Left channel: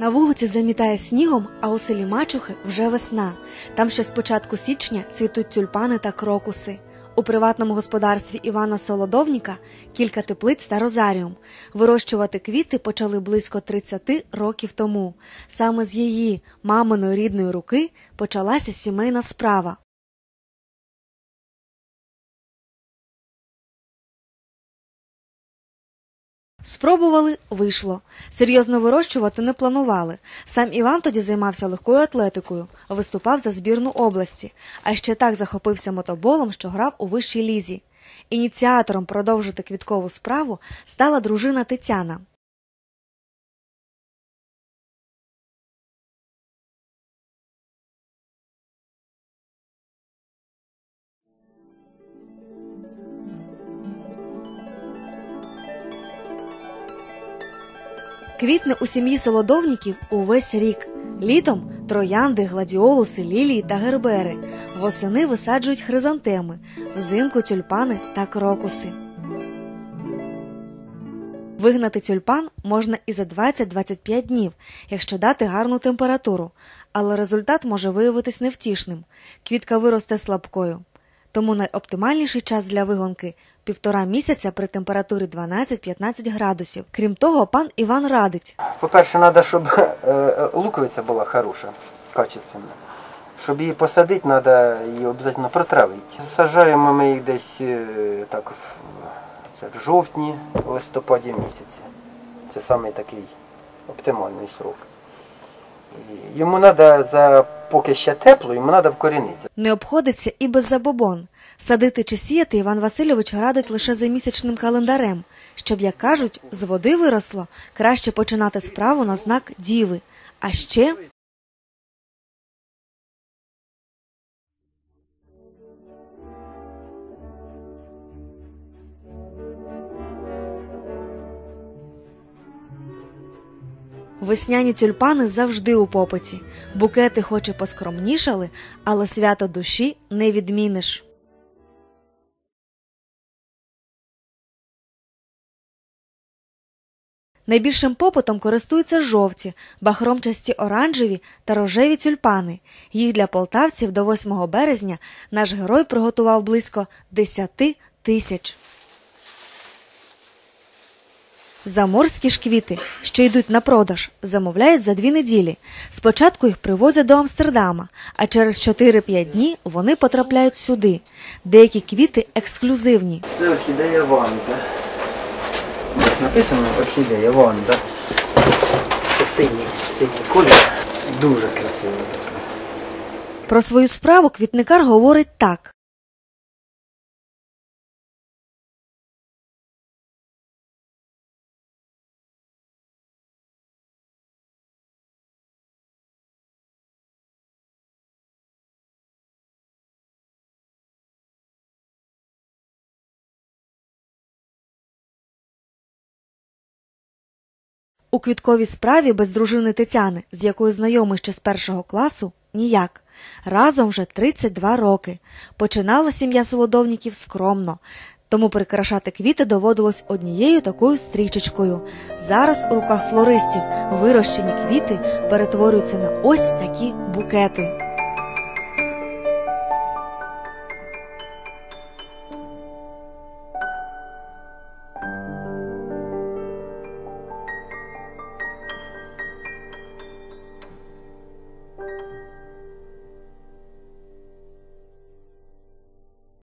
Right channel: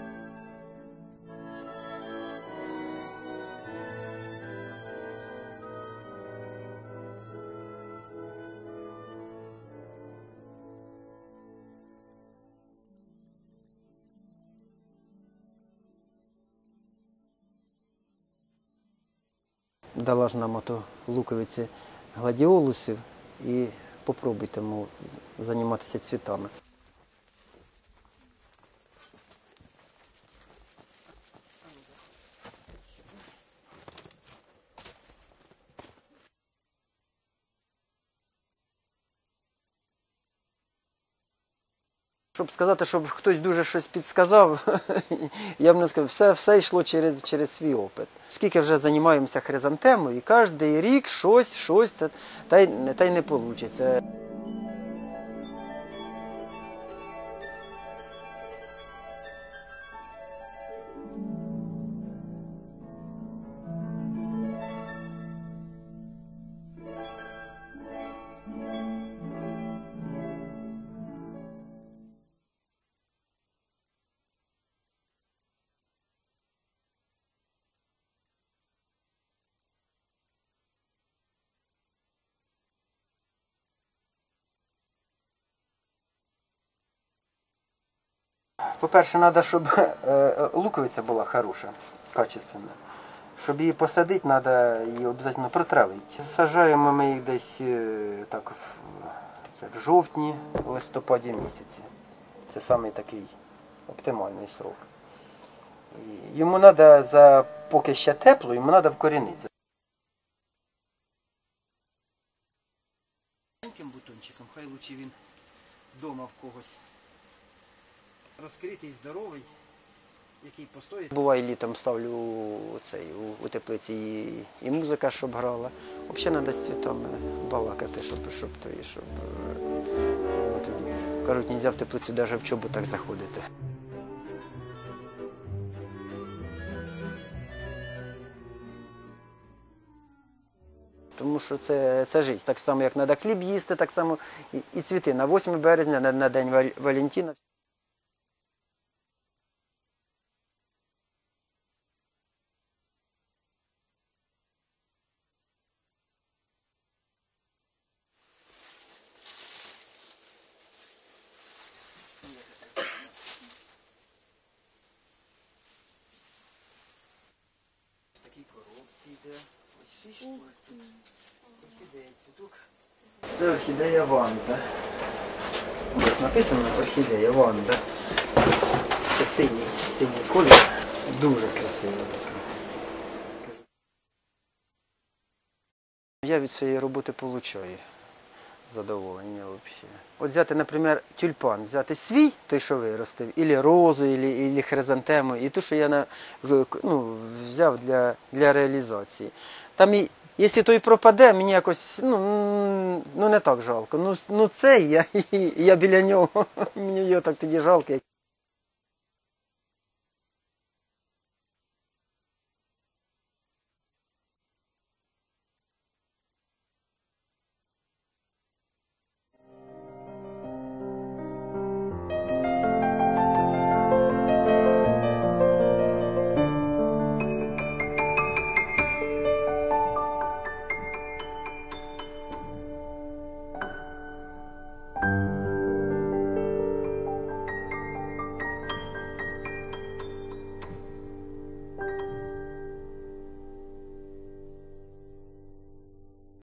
На вулиці замітає снігом, а у селі Мачухи вже весна. Там ще з початку січня цвітуть тюльпани та крокуси. У приватному господарстві Івана Солодовніка кілька теплиць та розаріум. Вирощувати квіти почали близько 30 років тому. Саме з її маминої рідної руки почалася сімейна справа. дала ж нам ото луковиці гладіолусів і попробуйте мов, займатися цвітами. Спробували, вийшло. Серйозно вирощувати не планували. Сам Іван тоді займався легкою атлетикою, виступав за збірну області, а ще так захопився мотоболом, що грав у вищій лізі. Ініціатором продовжити квіткову справу стала дружина Тетяна. Щоб сказати, щоб хтось дуже щось підсказав, я б не сказав, все, все йшло через, через свій опит. Скільки вже займаємося хризантемою, і кожен рік щось, щось, та, та, й, та й не вийде. Квітне у сім'ї солодовників увесь рік. Літом троянди, гладіолуси, лілії та гербери. Восени висаджують хризантеми, взимку тюльпани та крокуси. Вигнати тюльпан можна і за 20-25 днів, якщо дати гарну температуру, але результат може виявитись невтішним. Квітка виросте слабкою. Тому найоптимальніший час для вигонки півтора місяця при температурі 12-15 градусів. Крім того, пан Іван радить По-перше, треба, щоб е, е, луковиця була хороша, качественна. Щоб її посадити, треба її обов'язково протравити. Саджаємо ми їх десь е, так в, жовтні, листопаді місяці. Це самий такий оптимальний срок. Йому треба за поки ще тепло, йому треба вкорінитися. не обходиться і без забобон. Садити чи сіяти Іван Васильович радить лише за місячним календарем, щоб, як кажуть, з води виросло, краще починати справу на знак діви. А ще Буває літом ставлю цей, у, у теплиці і, і музика, щоб грала. Взагалі треба з цвітами балакати, щоб, щоб, то, і щоб е, кажуть, нельзя в теплицю навіть в чоботах заходити. Весняні тюльпани завжди у попиті. Букети хоч і поскромнішали, але свято душі не відміниш. Тому що це, це життя. Так само, як треба хліб їсти, так само і, і цвіти на 8 березня, на, на День Вал- Валентина. Найбільшим попитом користуються жовті, бахромчасті оранжеві та рожеві тюльпани. Їх для полтавців до 8 березня наш герой приготував близько 10 тисяч. Заморські ж квіти, що йдуть на продаж, замовляють за дві неділі. Спочатку їх привозять до Амстердама, а через 4-5 днів вони потрапляють сюди. Деякі квіти ексклюзивні. Це орхідея Ванда. Ось написано орхідея Ванда. Це синій, синій колір. Дуже красиво така. Про свою справу квітникар говорить так. Я від цієї роботи получаю задоволення взагалі. От взяти, наприклад, тюльпан, взяти свій, той, що виростив, ілі розу, ілі, хризантему, і ту, що я на, ну, взяв для, для реалізації. Там якщо той пропаде, мені якось ну, ну не так жалко. Ну, ну цей, я, я біля нього, мені його так тоді жалко. У квітковій справі без дружини Тетяни, з якою знайомий ще з першого класу, ніяк. Разом вже 32 роки. Починала сім'я солодовників скромно, тому прикрашати квіти доводилось однією такою стрічечкою. Зараз у руках флористів вирощені квіти перетворюються на ось такі букети.